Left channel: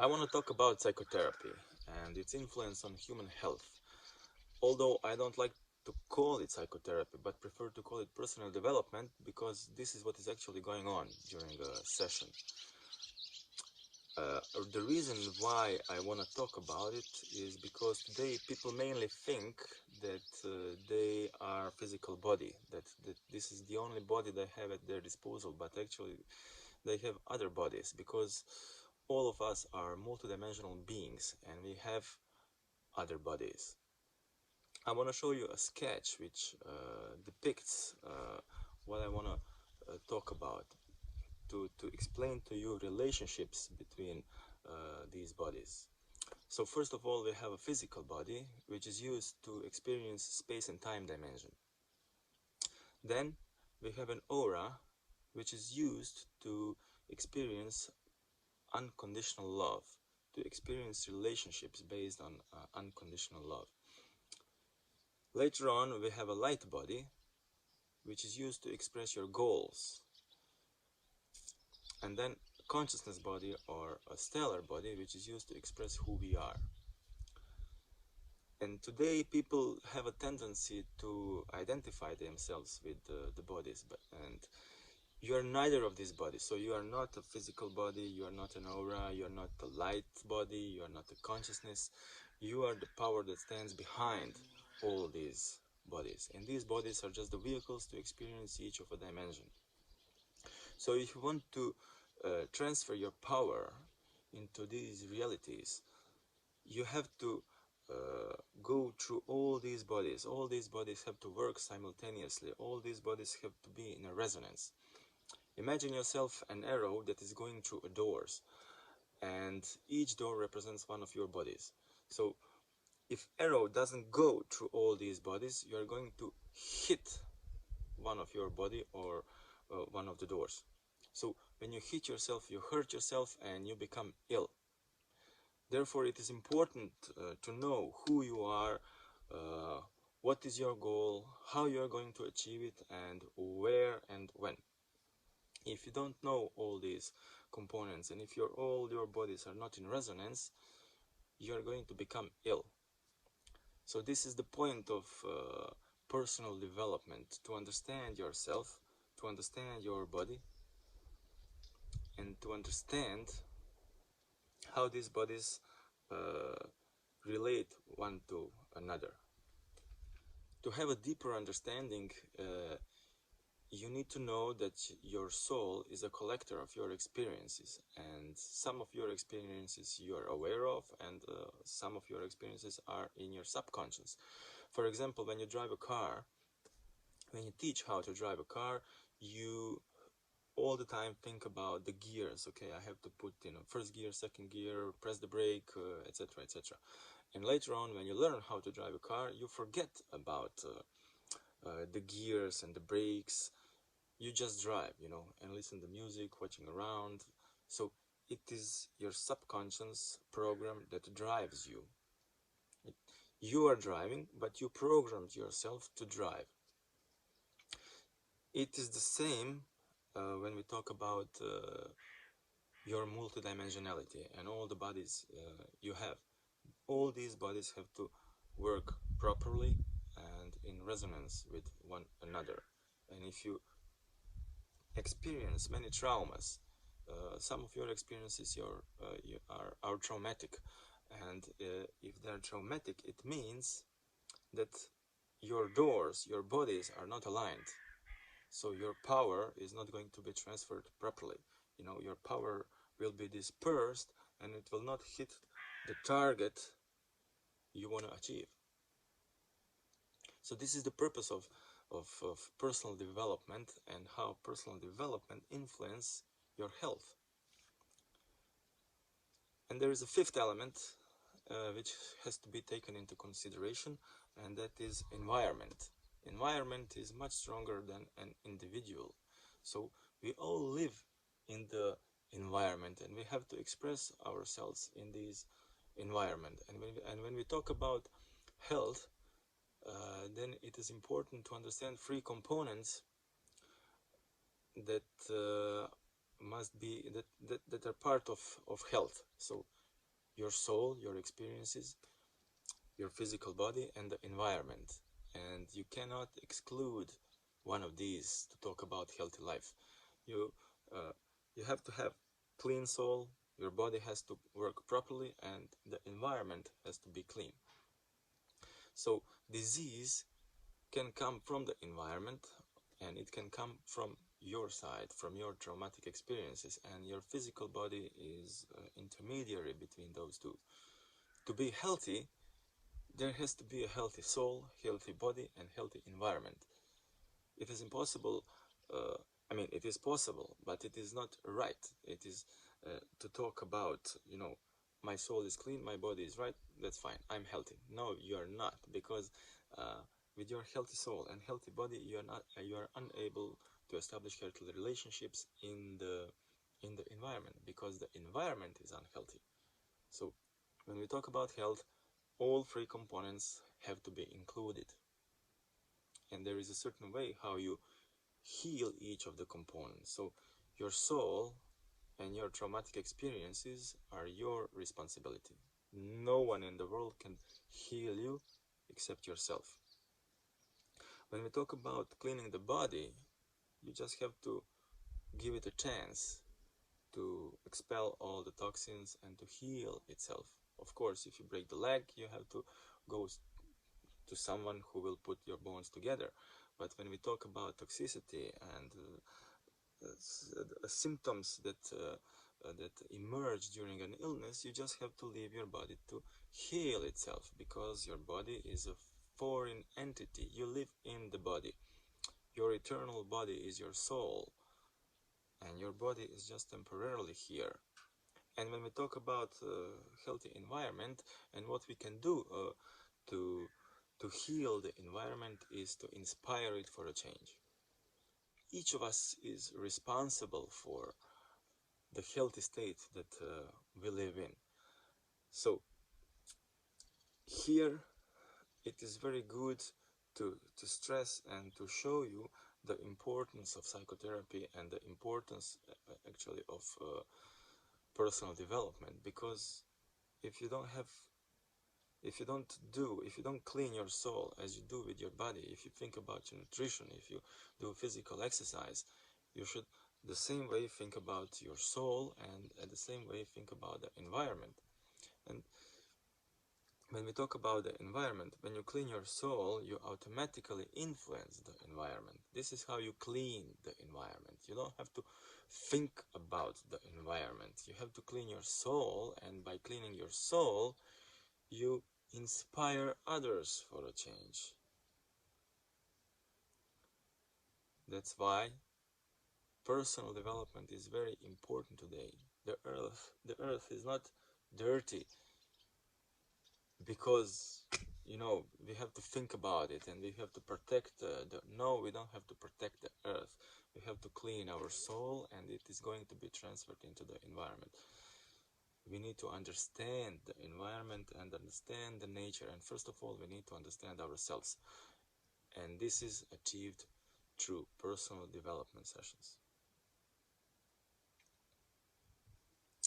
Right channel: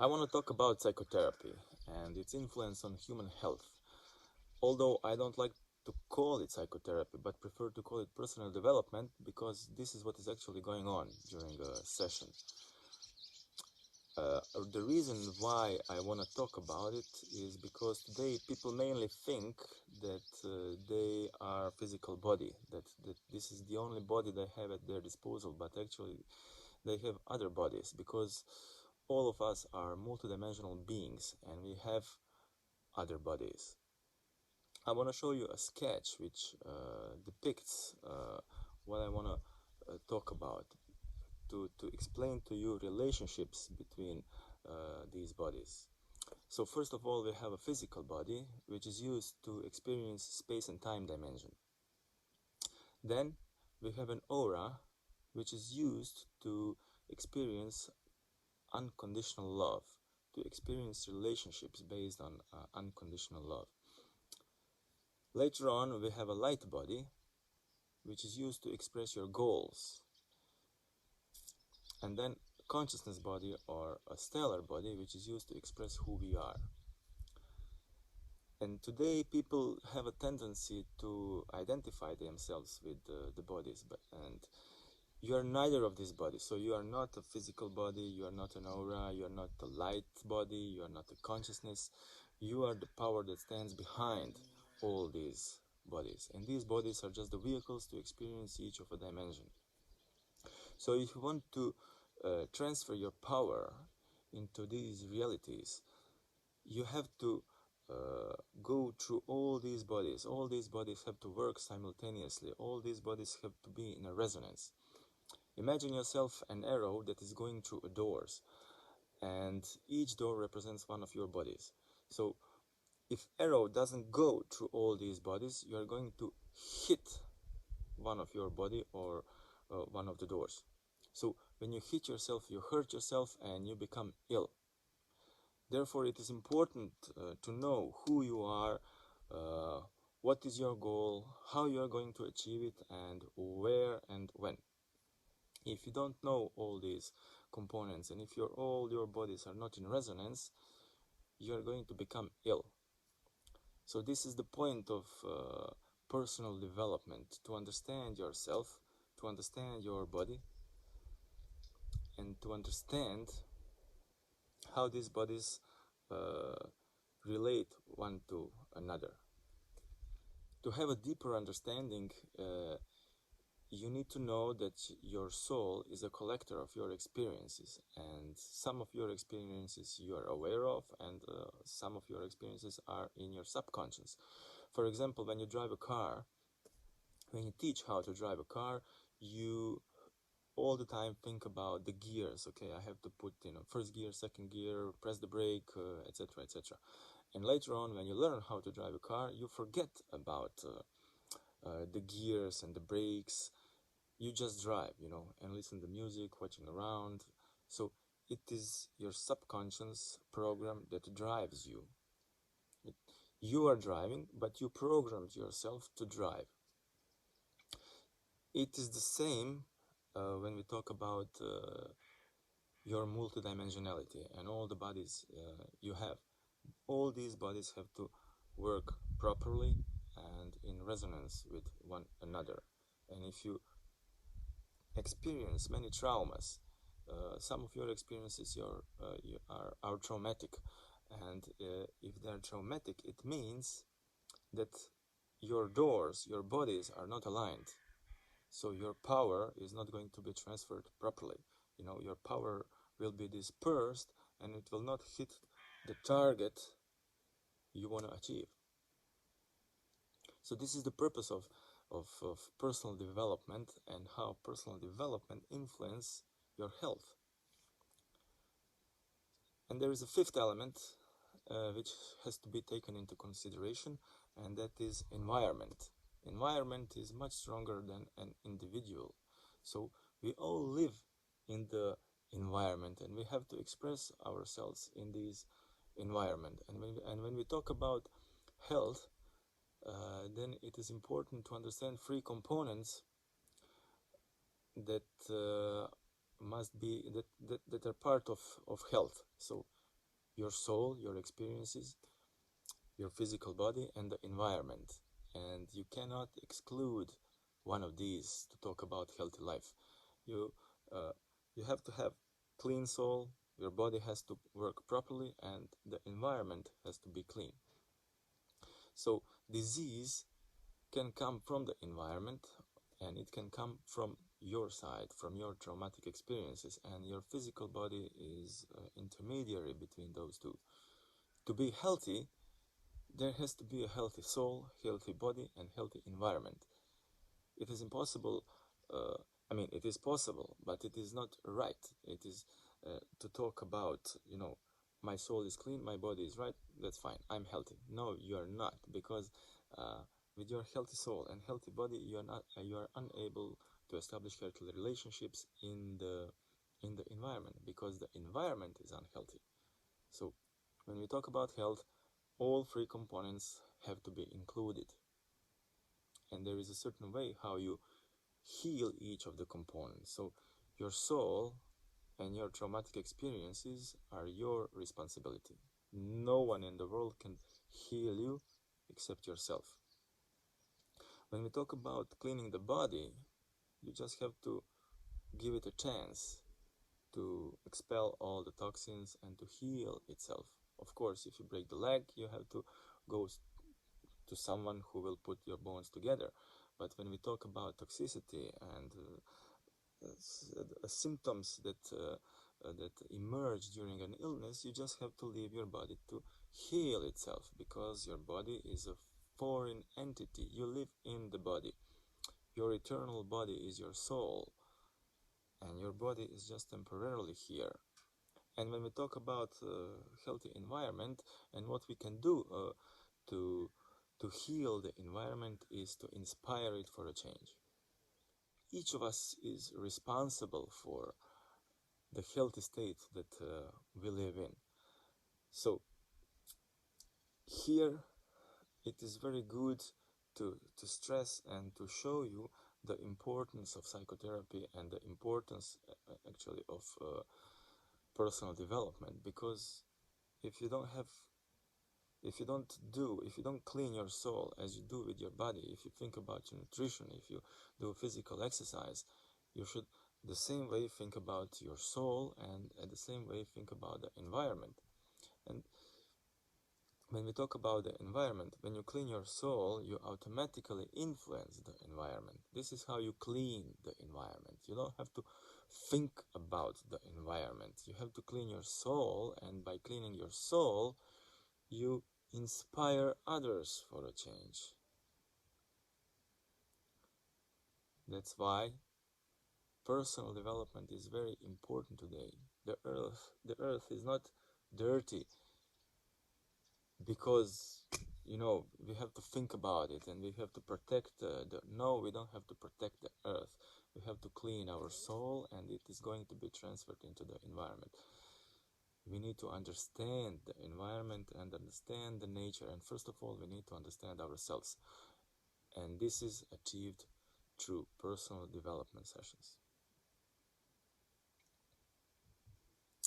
I want to talk about psychotherapy and its influence on human health. Although I don't like to call it psychotherapy, but prefer to call it personal development because this is what is actually going on during a session. The reason why I want to talk about it is because today people mainly think that they are physical body, that this is the only body they have at their disposal, but actually they have other bodies because all of us are multidimensional beings and we have other bodies. I want to show you a sketch which depicts what I want to talk about to explain to you relationships between these bodies. So first of all, we have a physical body which is used to experience space and time dimension. Then we have an aura which is used to experience unconditional love, to experience relationships based on unconditional love. Later on, we have a light body, which is used to express your goals. And then consciousness body, or a stellar body, which is used to express who we are. And today people have a tendency to identify themselves with the bodies, and you are neither of these bodies. So you are not a physical body, you are not an aura, you are not a light body, you are not a consciousness. You are the power that stands behind all these bodies. And these bodies are just the vehicles to experience each of a dimension. So if you want to transfer your power into these realities, you have to go through all these bodies. All these bodies have to work simultaneously. All these bodies have to be in a resonance. Imagine yourself an arrow that is going through doors, and each door represents one of your bodies. So if arrow doesn't go through all these bodies, you are going to hit one of your body or one of the doors. So when you hit yourself, you hurt yourself and you become ill. Therefore, it is important to know who you are, what is your goal, how you are going to achieve it, and where and when. If you don't know all these components, and if all your bodies are not in resonance, you are going to become ill. So this is the point of personal development, to understand yourself, to understand your body, and to understand how these bodies relate one to another. To have a deeper understanding, you need to know that your soul is a collector of your experiences, and some of your experiences you are aware of, and some of your experiences are in your subconscious. For example, when you drive a car, when you teach how to drive a car, you all the time think about the gears. Okay, I have to put first gear, second gear, press the brake, etc., etc. And later on, when you learn how to drive a car, you forget about the gears and the brakes. You just drive, and listen to music, watching around. So it is your subconscious program that drives you. You are driving, but you programmed yourself to drive. It is the same when we talk about your multidimensionality and all the bodies you have. All these bodies have to work properly and in resonance with one another. And if you experience many traumas, some of your experiences are traumatic, and if they are traumatic, it means that your doors, your bodies are not aligned. So your power is not going to be transferred properly. Your power will be dispersed and it will not hit the target you want to achieve. So this is the purpose of personal development, and how personal development influences your health. And there is a fifth element which has to be taken into consideration, and that is environment. Environment is much stronger than an individual. So we all live in the environment, and we have to express ourselves in this environment. And when we talk about health, then it is important to understand three components that must be that are part of health. So your soul, your experiences, your physical body, and the environment. And you cannot exclude one of these to talk about healthy life. You uh, you have to have clean soul, your body has to work properly, and the environment has to be clean. So disease can come from the environment, and it can come from your side, from your traumatic experiences, and your physical body is intermediary between those two. To be healthy, there has to be a healthy soul, healthy body, and healthy environment. It is impossible, it is possible, but it is not right. It is to talk about, my soul is clean, my body is right, that's fine, I'm healthy. No, you are not, because with your healthy soul and healthy body, you are unable to establish healthy relationships in the environment, because the environment is unhealthy. So when we talk about health, all three components have to be included. And there is a certain way how you heal each of the components. So your soul and your traumatic experiences are your responsibility. No one in the world can heal you except yourself. When we talk about cleaning the body, you just have to give it a chance to expel all the toxins and to heal itself. Of course, if you break the leg, you have to go to someone who will put your bones together. But when we talk about toxicity and symptoms that emerge during an illness, you just have to leave your body to heal itself, because your body is a foreign entity. You live in the body. Your eternal body is your soul, and your body is just temporarily here. And when we talk about healthy environment, and what we can do to heal the environment is to inspire it for a change. Each of us is responsible for the healthy state that we live in. So here it is very good to stress and to show you the importance of psychotherapy and the importance actually of personal development, because if you don't clean your soul as you do with your body, if you think about your nutrition, if you do physical exercise, you should the same way think about your soul, and at the same way think about the environment. And when we talk about the environment, when you clean your soul, you automatically influence the environment. This is how you clean the environment. You don't have to think about the environment. You have to clean your soul, and by cleaning your soul, you inspire others for a change. That's why personal development is very important today. The earth is not dirty because we have to think about it and we have to protect no, we don't have to protect the earth. We have to clean our soul, and it is going to be transferred into the environment. We need to understand the environment and understand the nature, and first of all, we need to understand ourselves. And this is achieved through personal development sessions.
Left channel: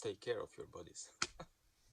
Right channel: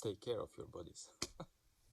Take care of your bodies.